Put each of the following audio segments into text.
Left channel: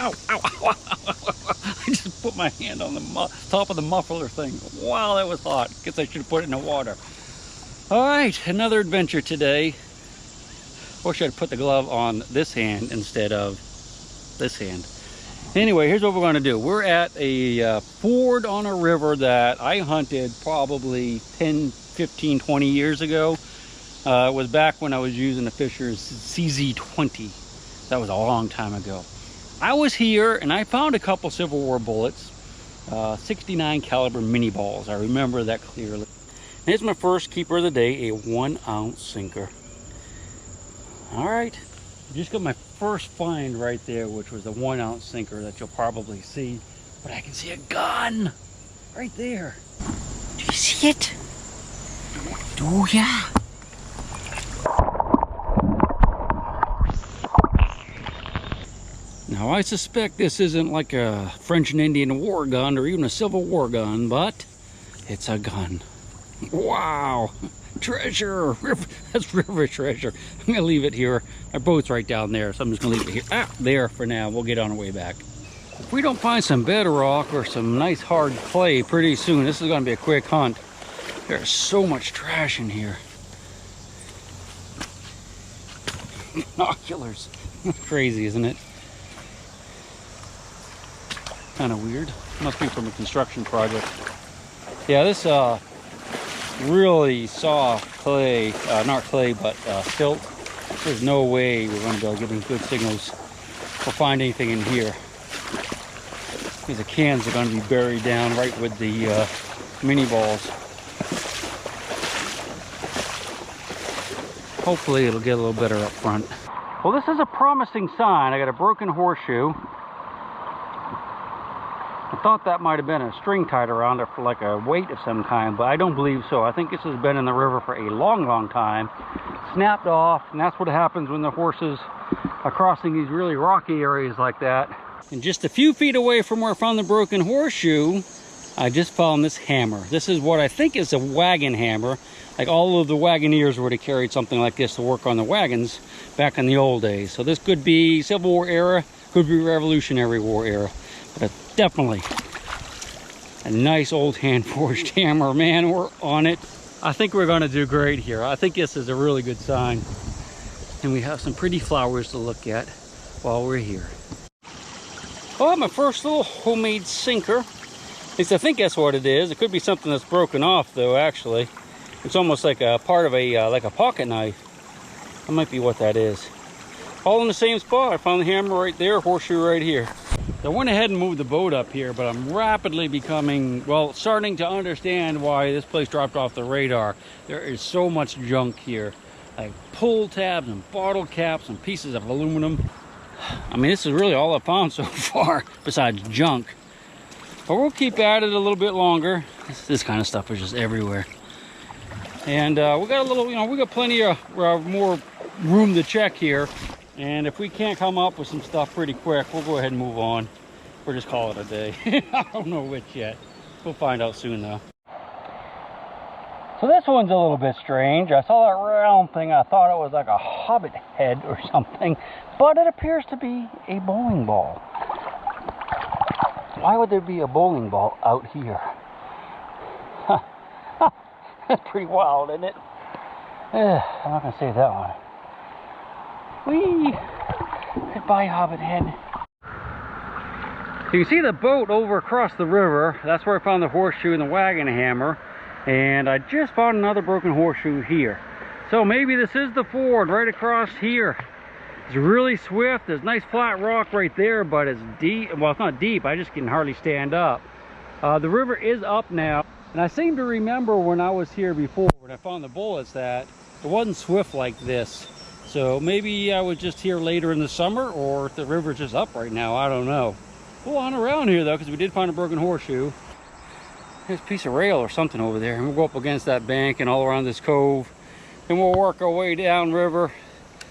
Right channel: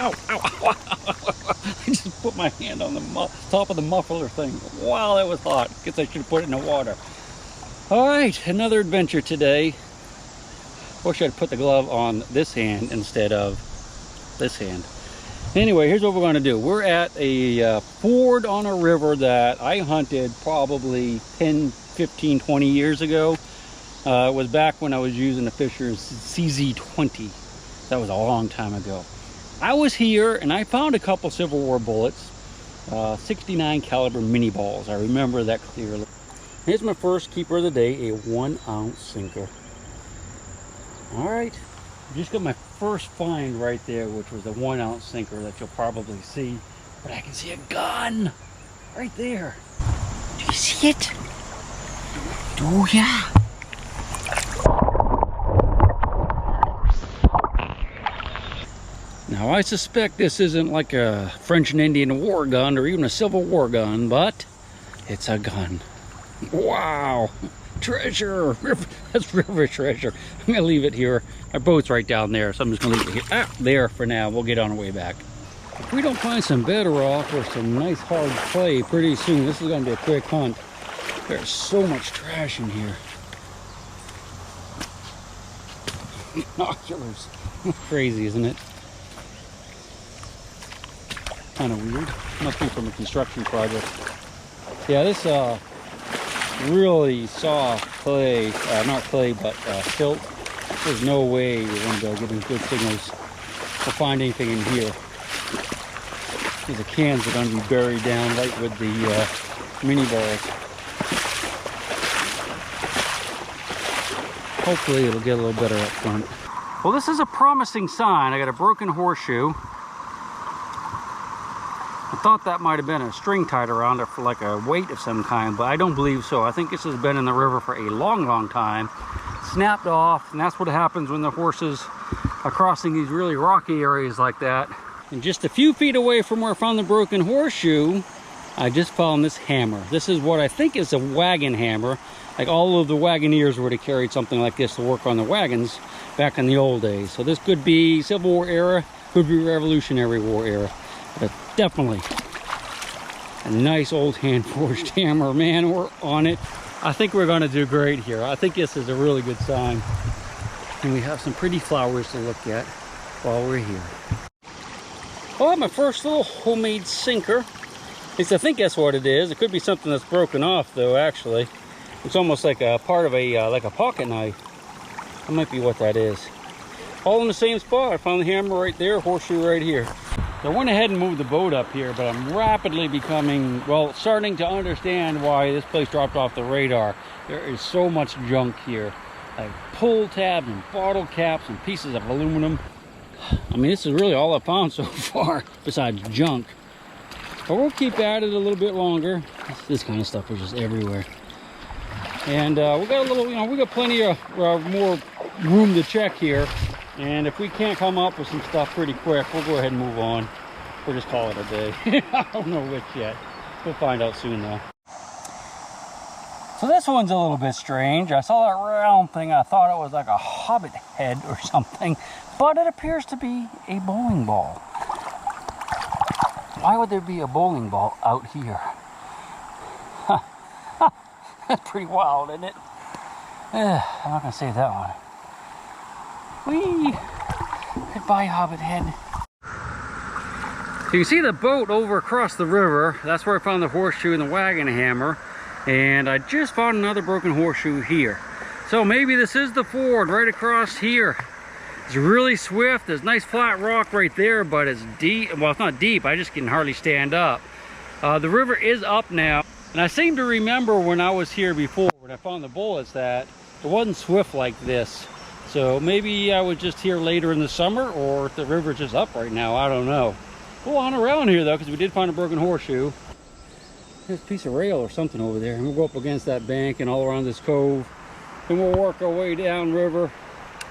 Ow, ow, ow, ow. I just put my hand on the top of the muffler thing. Wow, that was hot. Guess I should have put it in the water. All right, another adventure today. Wish I'd put the glove on this hand instead of this hand. Anyway, here's what we're going to do. We're at a ford on a river that I hunted probably 10, 15, 20 years ago. It was back when I was using the Fisher's CZ20. That was a long time ago. I was here and I found a couple Civil War bullets, 69 caliber mini balls. I remember that clearly. Here's my first keeper of the day, a 1 ounce sinker. All right, just got my first find right there, which was a 1 ounce sinker that you'll probably see. But I can see a gun right there. Do you see it? Do ya? Now I suspect this isn't like a French and Indian war gun or even a Civil War gun, but it's a gun. Wow, treasure. That's river treasure. I'm gonna leave it here. Our boat's right down there, so I'm just gonna leave it here. Ah, there for now. We'll get on our way back. If we don't find some bedrock or some nice hard clay pretty soon, this is gonna be a quick hunt. There's so much trash in here. Binoculars. Crazy, isn't it? Kind of weird. Must be from a construction project. Yeah, this really soft clay, not clay, but silt. There's no way we're going to be able to get any good signals or find anything in here. The cans are going to be buried down right with the mini balls. Hopefully it'll get a little better up front. Well, this is a promising sign. I got a broken horseshoe. I thought that might have been a string tied around it for like a weight of some kind, but I don't believe so. I think this has been in the river for a long, long time. Snapped off, and that's what happens when the horses are crossing these really rocky areas like that. And just a few feet away from where I found the broken horseshoe, I just found this hammer. This is what I think is a wagon hammer. Like all of the wagoneers would have carried something like this to work on the wagons back in the old days. So this could be Civil War era, could be Revolutionary War era. But definitely a nice old hand-forged hammer, man. We're on it. I think we're going to do great here. I think this is a really good sign. And we have some pretty flowers to look at while we're here. Oh, my first little homemade sinker. At least I think that's what it is. It could be something that's broken off, though, actually. It's almost like a part of a like a pocket knife. That might be what that is. All in the same spot. I found the hammer right there, horseshoe right here. So I went ahead and moved the boat up here, but I'm rapidly becoming, well, starting to understand why this place dropped off the radar. There is so much junk here, like pull tabs and bottle caps and pieces of aluminum. I mean, this is really all I've found so far, besides junk. But we'll keep at it a little bit longer. This kind of stuff is just everywhere. And we got a little, you know, we got plenty of more room to check here. And if we can't come up with some stuff pretty quick, we'll go ahead and move on. We'll just call it a day. I don't know which yet. We'll find out soon though. So this one's a little bit strange. I saw that round thing. I thought it was like a hobbit head or something, but it appears to be a bowling ball. Why would there be a bowling ball out here? That's pretty wild, isn't it? I'm not gonna say that one. Whee! Goodbye, hobbit head. So you see the boat over across the river. That's where I found the horseshoe and the wagon hammer. And I just found another broken horseshoe here. So maybe this is the ford right across here. It's really swift. There's nice flat rock right there, but it's deep. Well, it's not deep. I just can hardly stand up. The river is up now. And I seem to remember when I was here before, when I found the bullets, that it wasn't swift like this. So maybe I was just here later in the summer, or if the river's just up right now, I don't know. We'll on around here though, because we did find a broken horseshoe. There's a piece of rail or something over there. And we'll go up against that bank and all around this cove. And we'll work our way down river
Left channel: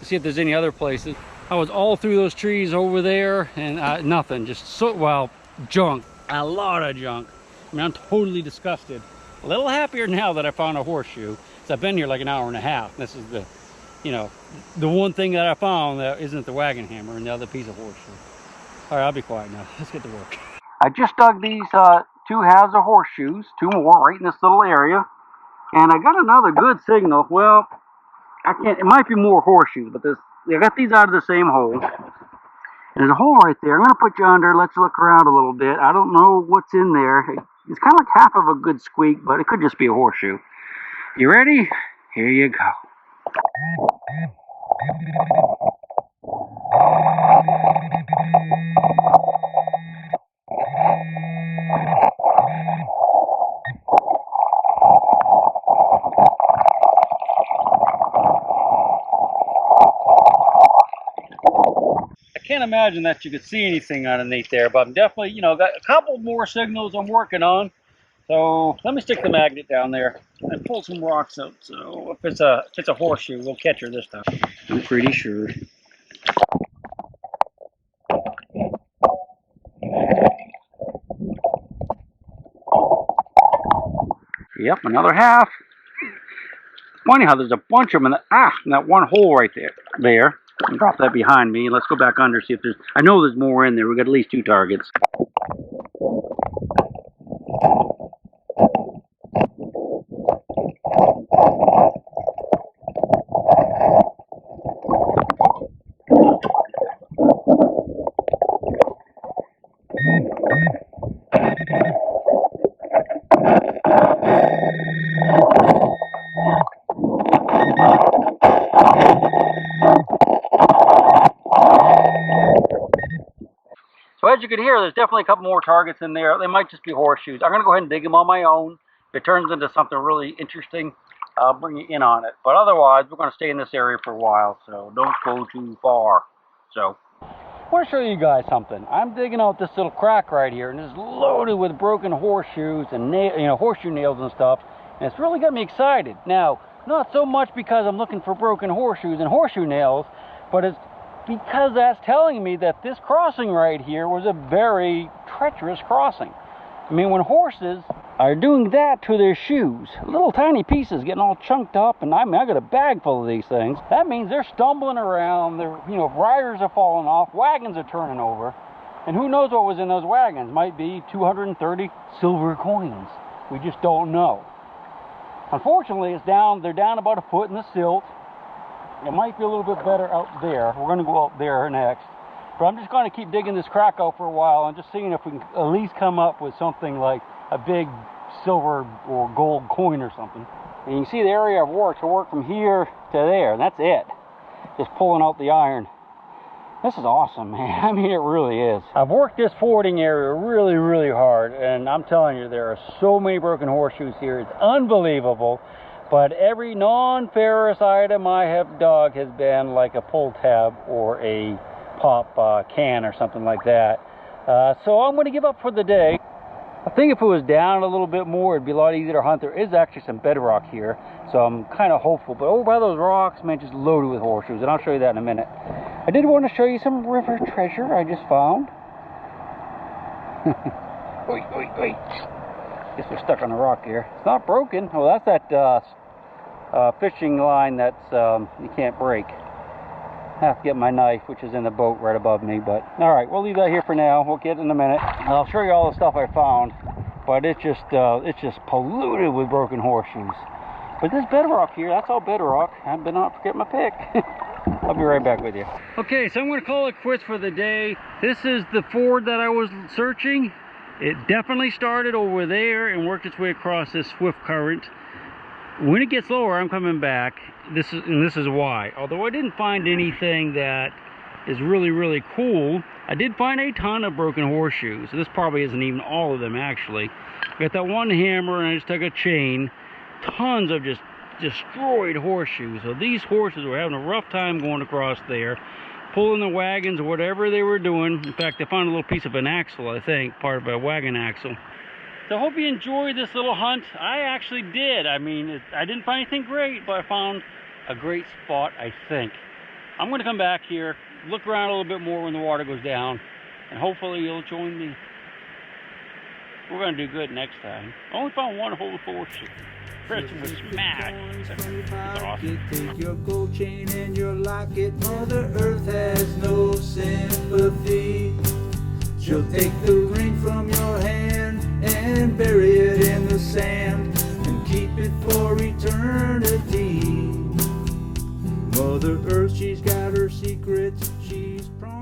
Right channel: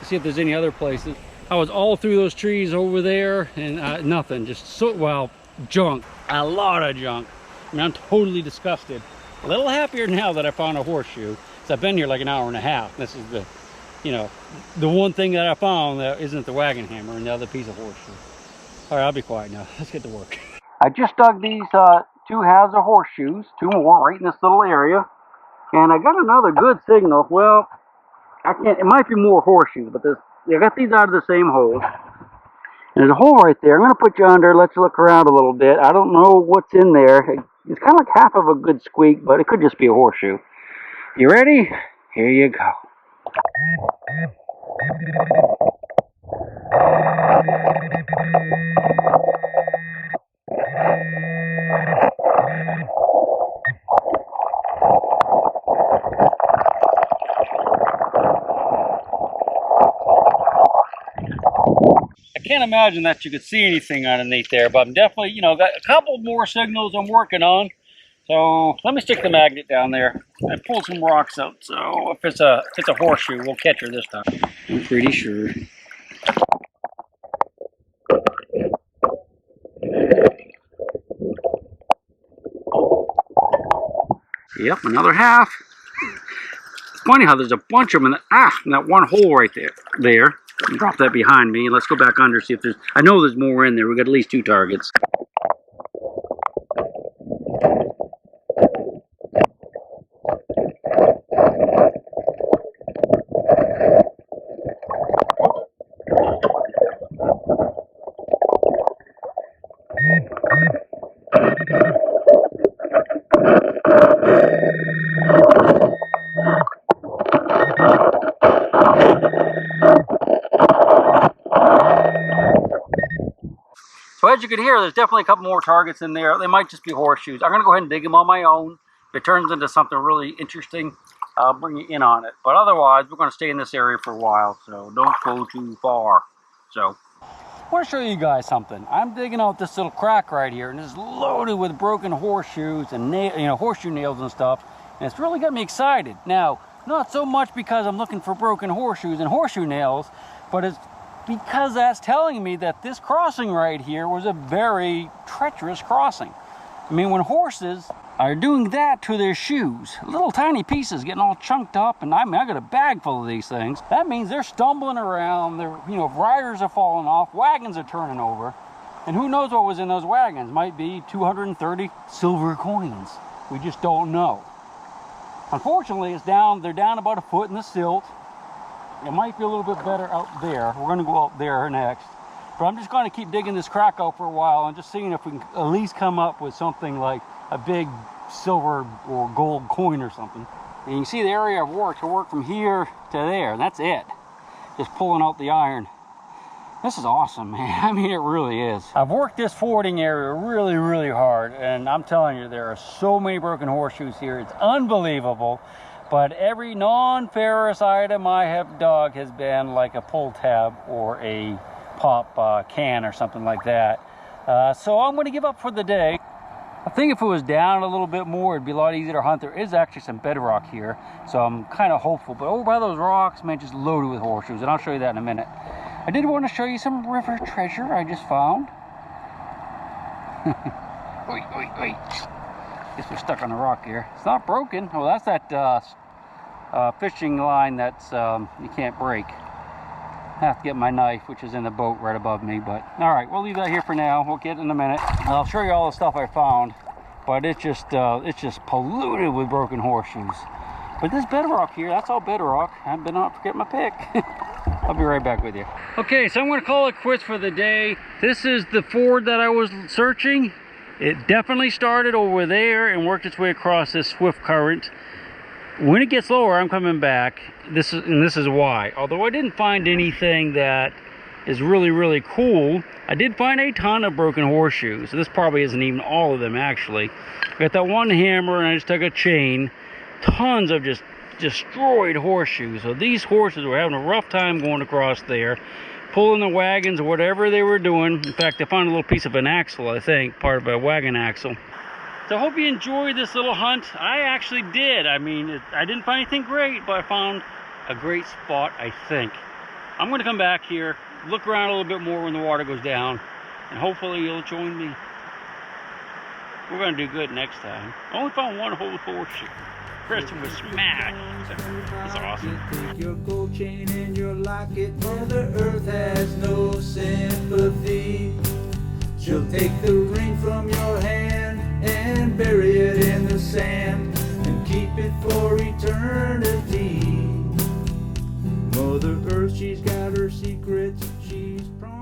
to see if there's any other places. I was all through those trees over there and nothing, just so, well, junk, a lot of junk. I mean, I'm totally disgusted. A little happier now that I found a horseshoe, because I've been here like an hour and a half. This is the, you know, the one thing that I found that isn't the wagon hammer and the other piece of horseshoe. All right, I'll be quiet now. Let's get to work. I just dug these 2 halves of horseshoes, 2 more right in this little area. And I got another good signal. Well, I can't, it might be more horseshoes, but I got these out of the same hole. And there's a hole right there. I'm going to put you under, let you look around a little bit. I don't know what's in there. It's kind of like half of a good squeak, but it could just be a horseshoe. You ready? Here you go. I can't imagine that you could see anything underneath there, but I'm definitely, you know, got a couple more signals I'm working on. So let me stick the magnet down there and pull some rocks out. So if it's a horseshoe, we'll catch her this time. I'm pretty sure. Yep, another half. It's funny how there's a bunch of them in that one hole right there. Drop that behind me. Let's go back under, see if there's, I know there's more in there. We got at least 2 targets. So as you can hear, there's definitely a couple more targets in there. They might just be horseshoes. I'm going to go ahead and dig them on my own. If it turns into something really interesting, I'll bring you in on it. But otherwise, we're going to stay in this area for a while, so don't go too far. So, I want to show you guys something. I'm digging out this little crack right here, and it's loaded with broken horseshoes and horseshoe nails and stuff. And it's really got me excited. Now, not so much because I'm looking for broken horseshoes and horseshoe nails, but it's because that's telling me that this crossing right here was a very treacherous crossing. I mean, when horses are doing that to their shoes, little tiny pieces getting all chunked up, and I got a bag full of these things, that means they're stumbling around, riders are falling off, wagons are turning over, and who knows what was in those wagons? Might be 230 silver coins. We just don't know. Unfortunately, they're down about a foot in the silt. It might be a little bit better out there. We're going to go out there next. But I'm just going to keep digging this crack out for a while and just seeing if we can at least come up with something like a big silver or gold coin or something. And you can see the area I've worked. I worked from here to there, and that's it. Just pulling out the iron. This is awesome, man. I mean, it really is. I've worked this fording area really, really hard, and I'm telling you, there are so many broken horseshoes here. It's unbelievable. But every non-ferrous item I have dug has been like a pull tab or a pop can or something like that. So I'm going to give up for the day. I think if it was down a little bit more, it'd be a lot easier to hunt. There is actually some bedrock here, so I'm kind of hopeful. But over by those rocks, man, just loaded with horseshoes, and I'll show you that in a minute. I did want to show you some river treasure I just found. Wait, wait, wait. Guess we're stuck on a rock here. It's not broken. Well, that's that fishing line that's you can't break. I have to get my knife, which is in the boat right above me. But all right, we'll leave that here for now. We'll get in a minute. I'll show you all the stuff I found. But it's just polluted with broken horseshoes. But this bedrock here, that's all bedrock. I haven't been out to get my pick. I'll be right back with you. Okay, so I'm going to call it quits for the day. This is the ford that I was searching. It definitely started over there and worked its way across this swift current. When it gets lower, I'm coming back. This is why. Although I didn't find anything that is really, really cool, I did find a ton of broken horseshoes. So this probably isn't even all of them, actually. I got that one hammer, and I just took a chain. Tons of just destroyed horseshoes. So these horses were having a rough time going across there, pulling the wagons or whatever they were doing. In fact, I found a little piece of an axle, I think, part of a wagon axle. So I hope you enjoyed this little hunt. I actually did. I mean, I didn't find anything great, but I found a great spot, I think. I'm going to come back here, look around a little bit more when the water goes down, and hopefully you'll join me. We're going to do good next time. I only found one whole horseshoe. The rest was smacked. That's awesome. Take your gold chain and your locket. Mother Earth has no sympathy. Take the ring from your hand and bury it in the sand and keep it for eternity. Mother Earth, she's got her secrets, she's promised.